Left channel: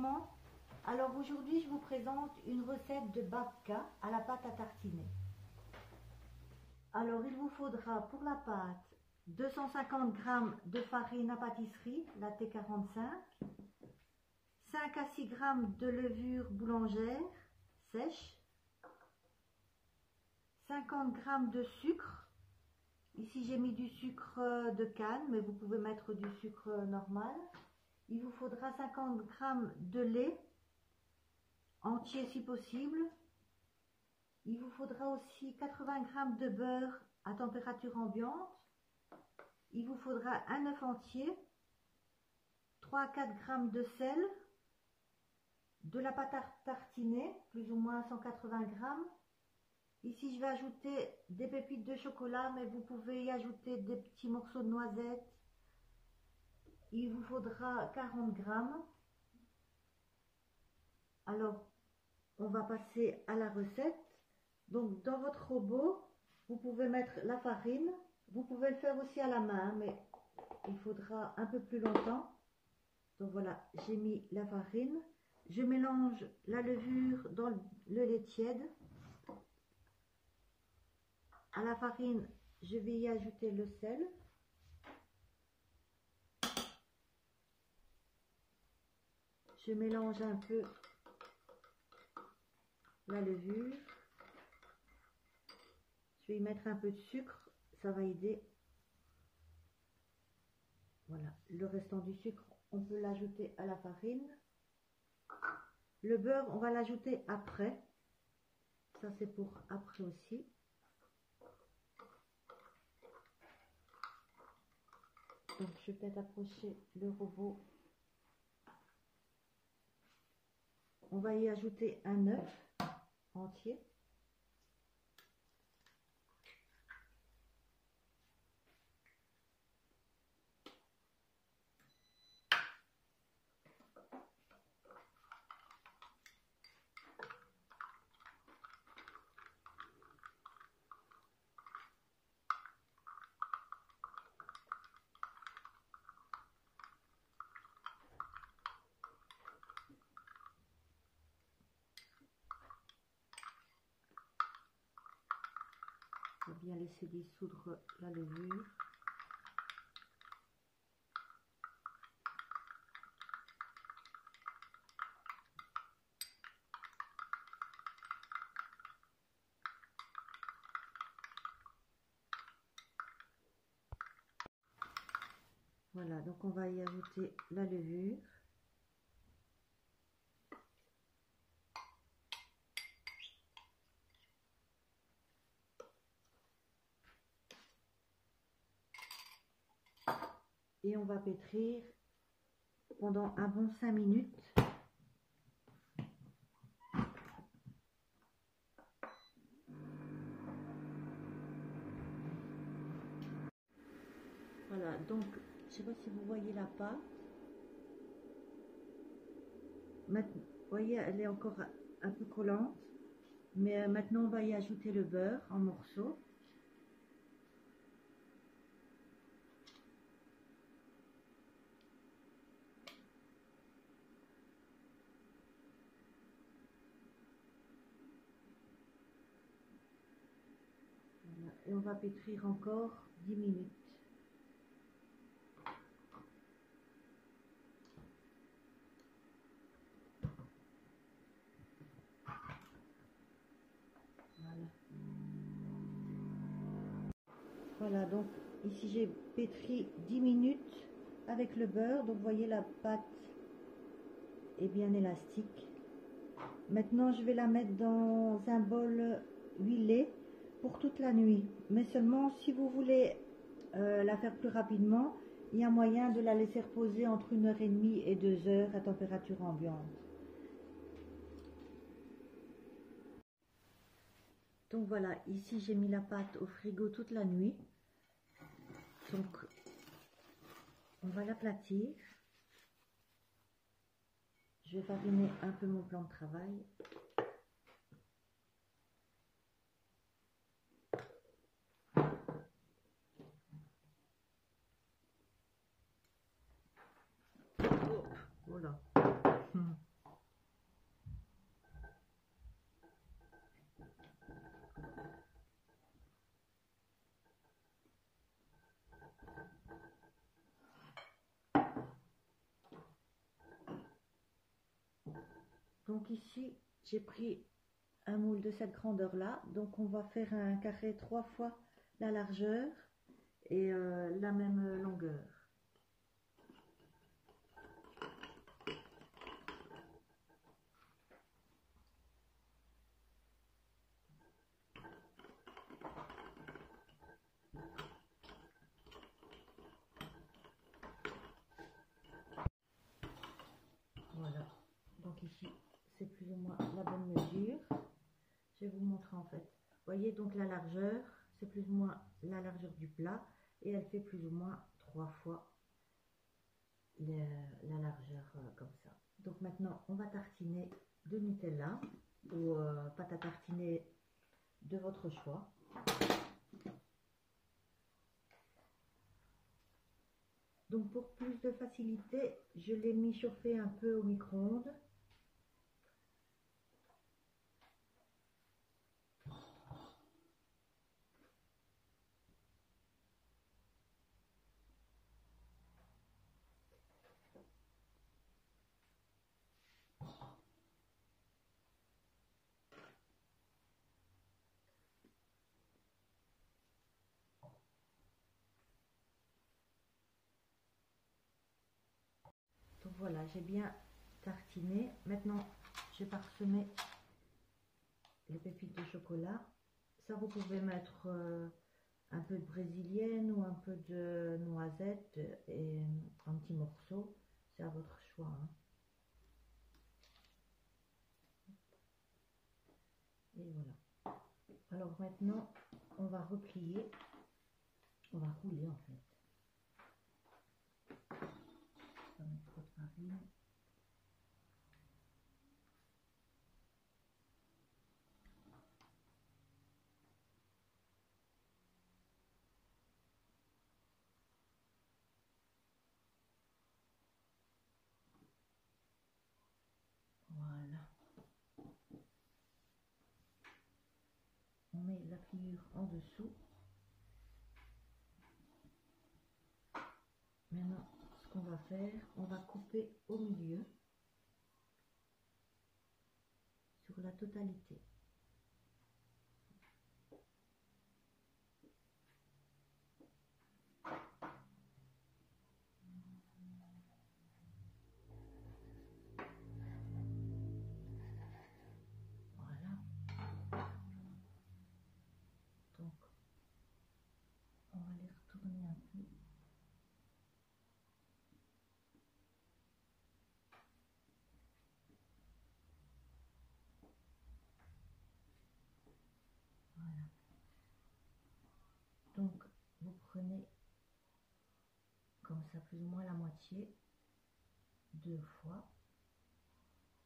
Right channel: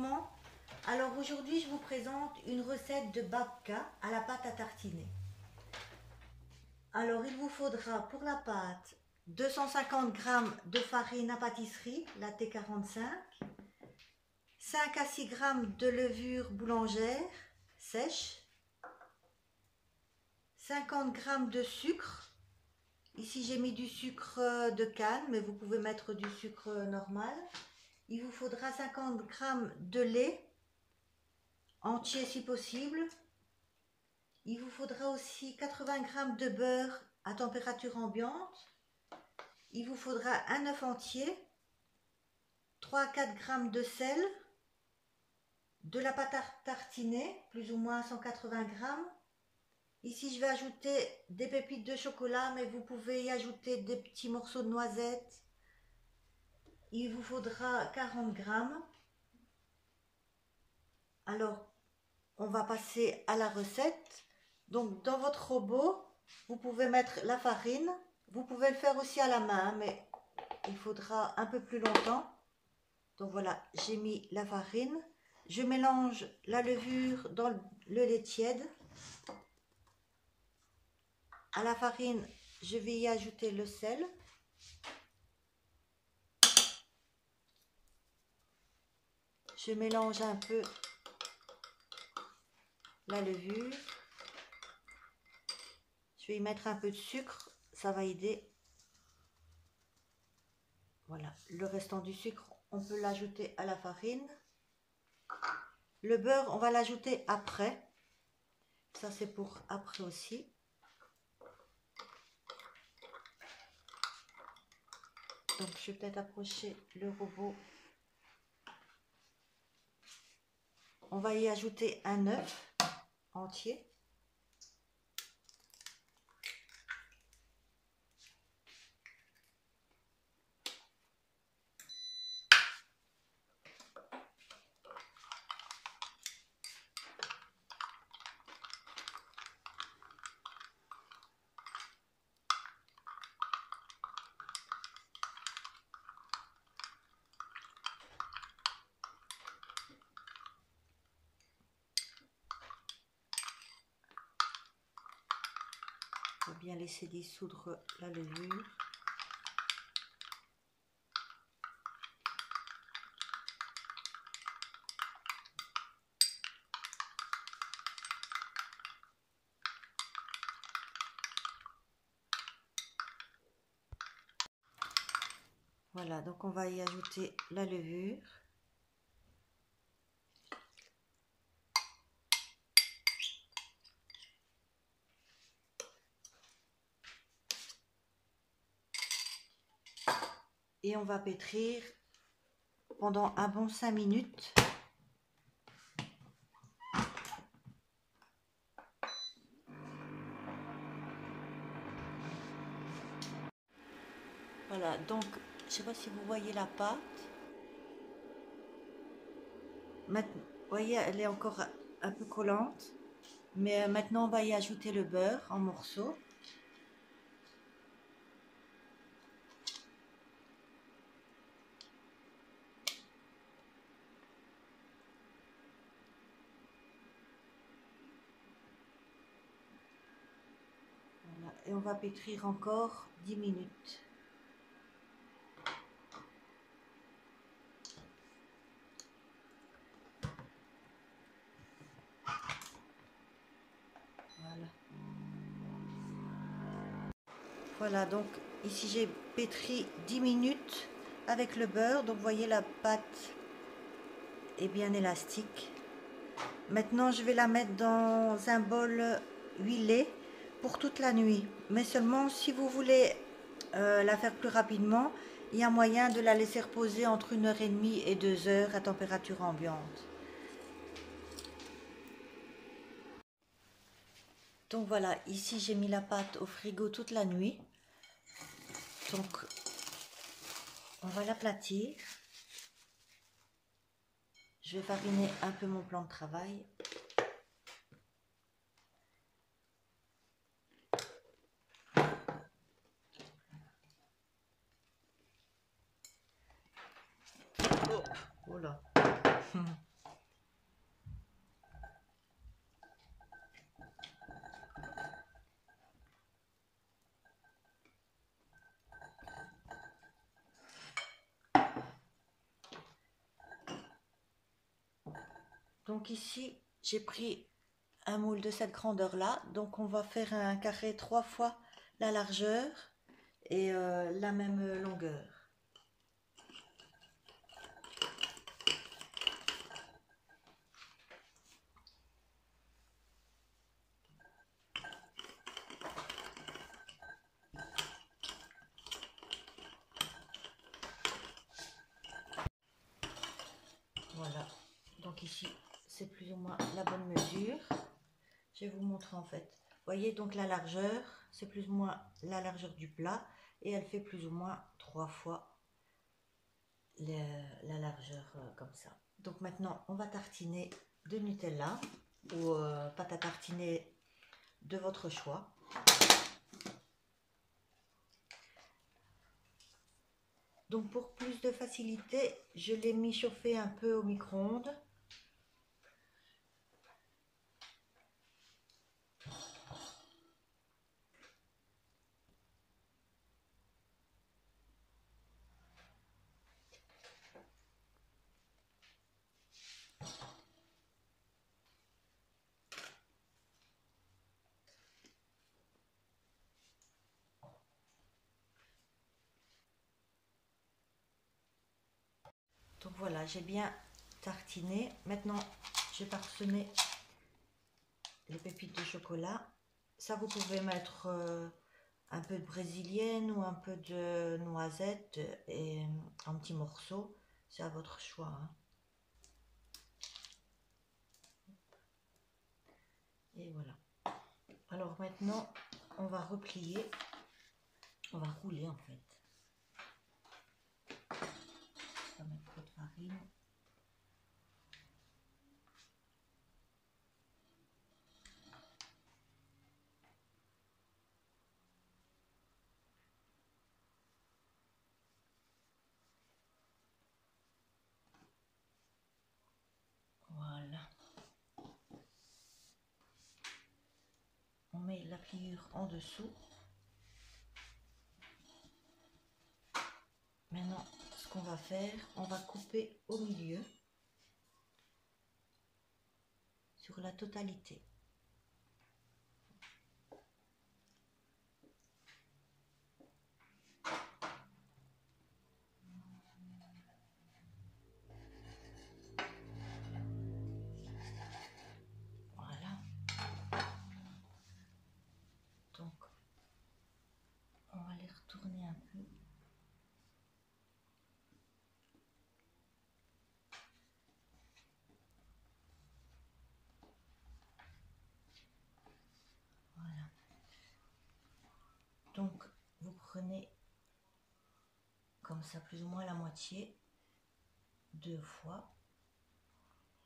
gourmands. Alors aujourd'hui je vous présente une recette de babka à la pâte à tartiner. Alors il vous faudra pour la pâte 250 g de farine à pâtisserie, la T45, 5 à 6 g de levure boulangère sèche, 50 g de sucre. Ici j'ai mis du sucre de canne, mais vous pouvez mettre du sucre normal. Il vous faudra 50 g de lait, entier si possible. Il vous faudra aussi 80 g de beurre à température ambiante. Il vous faudra un œuf entier, 3 à 4 g de sel, de la pâte à tartiner, plus ou moins 180 g. Ici, je vais ajouter des pépites de chocolat, mais vous pouvez y ajouter des petits morceaux de noisettes. Il vous faudra 40 g. Alors, on va passer à la recette. Donc, dans votre robot, vous pouvez mettre la farine. Vous pouvez le faire aussi à la main, mais il faudra un peu plus longtemps. Donc voilà, j'ai mis la farine. Je mélange la levure dans le lait tiède. À la farine, je vais y ajouter le sel. Je mélange un peu la levure. Je vais y mettre un peu de sucre, ça va aider. Voilà, le restant du sucre, on peut l'ajouter à la farine. Le beurre, on va l'ajouter après. Ça, c'est pour après aussi. Donc, je vais peut-être approcher le robot. On va y ajouter un œuf entier. Il faut bien laisser dissoudre la levure. Voilà, donc on va y ajouter la levure. Et on va pétrir pendant un bon 5 minutes. Voilà, donc je ne sais pas si vous voyez la pâte. Maintenant, vous voyez, elle est encore un peu collante. Mais maintenant, on va y ajouter le beurre en morceaux. Voilà, et on va pétrir encore 10 minutes. Voilà. Voilà, donc ici j'ai pétri 10 minutes avec le beurre. Donc vous voyez, la pâte est bien élastique. Maintenant, je vais la mettre dans un bol huilé pour toute la nuit. Mais seulement si vous voulez la faire plus rapidement, il y a moyen de la laisser reposer entre 1h30 et 2 heures à température ambiante. Donc voilà, ici j'ai mis la pâte au frigo toute la nuit. Donc on va l'aplatir. Je vais fariner un peu mon plan de travail. Oh là. Donc ici, j'ai pris un moule de cette grandeur là, donc on va faire un carré 3 fois la largeur et la même longueur. Voilà, donc ici c'est plus ou moins la bonne mesure. Je vais vous montrer en fait. Voyez donc la largeur, c'est plus ou moins la largeur du plat et elle fait plus ou moins 3 fois la largeur comme ça. Donc maintenant on va tartiner de Nutella ou pâte à tartiner de votre choix. Donc pour plus de facilité, je l'ai mis chauffer un peu au micro-ondes. Donc voilà, j'ai bien tartiné. Maintenant, je vais parsemer les pépites de chocolat. Ça, vous pouvez mettre un peu de brésilienne ou un peu de noisette et en petits morceaux. C'est à votre choix, hein. Et voilà. Alors maintenant, on va replier. On va rouler en fait. On va mettre trop de farine. Voilà. On met la pliure en dessous. Maintenant, ce qu'on va faire, on va couper au milieu sur la totalité. Voilà. Donc, on va les retourner un peu. Voilà. Donc, vous prenez comme ça plus ou moins la moitié, 2 fois,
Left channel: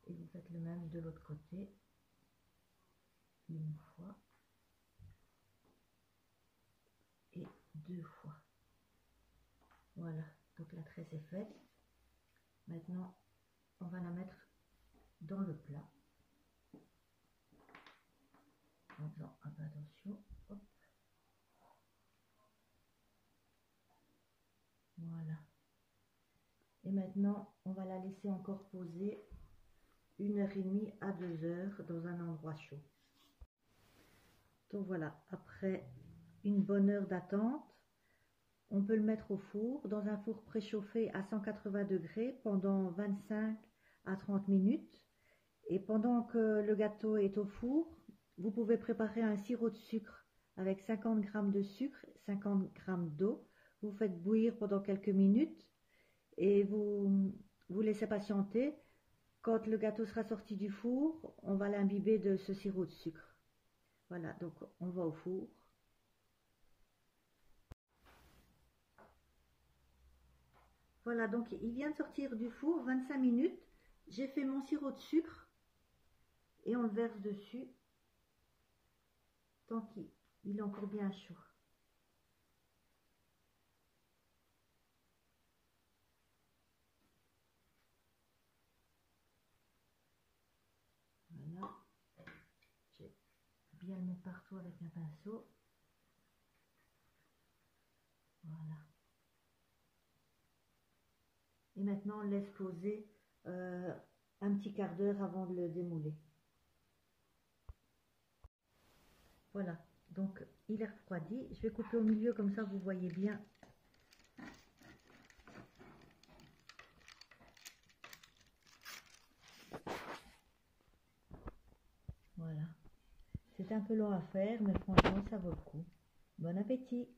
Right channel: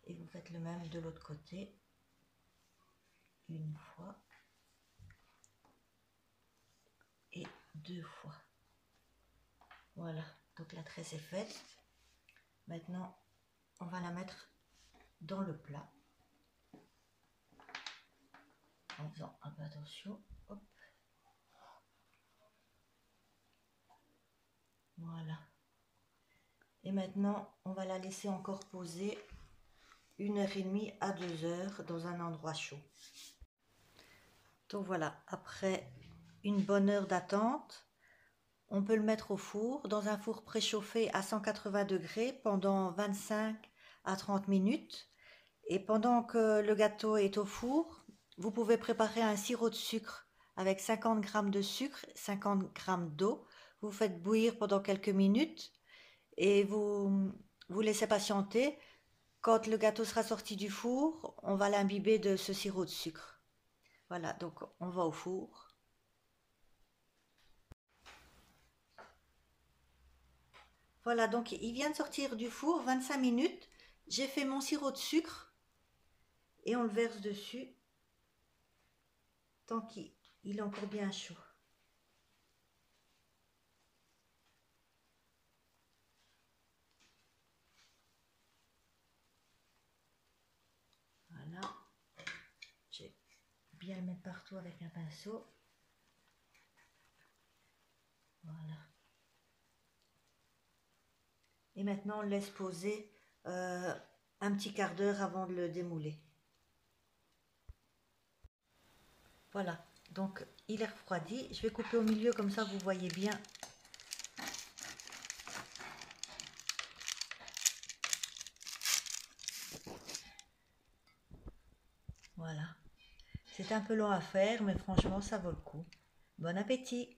et vous faites le même de l'autre côté, 1 fois et 2 fois. Voilà, donc la tresse est faite. Maintenant, on va la mettre dans le plat en faisant un peu attention. Hop. Voilà. Et maintenant, on va la laisser encore poser 1h30 à 2 heures dans un endroit chaud. Donc voilà, après une bonne heure d'attente, on peut le mettre au four, dans un four préchauffé à 180 degrés pendant 25 à 30 minutes. Et pendant que le gâteau est au four, vous pouvez préparer un sirop de sucre avec 50 g de sucre, 50 g d'eau. Vous faites bouillir pendant quelques minutes et vous laissez patienter. Quand le gâteau sera sorti du four, on va l'imbiber de ce sirop de sucre. Voilà, donc on va au four. Voilà, donc il vient de sortir du four, 25 minutes. J'ai fait mon sirop de sucre et on le verse dessus tant qu'il est encore bien chaud. Voilà, je vais bien le mettre partout avec un pinceau. Voilà. Et maintenant, on le laisse poser un un petit quart d'heure avant de le démouler. Voilà, donc il est refroidi. Je vais couper au milieu comme ça vous voyez bien. Voilà. C'est un peu long à faire, mais franchement, ça vaut le coup. Bon appétit!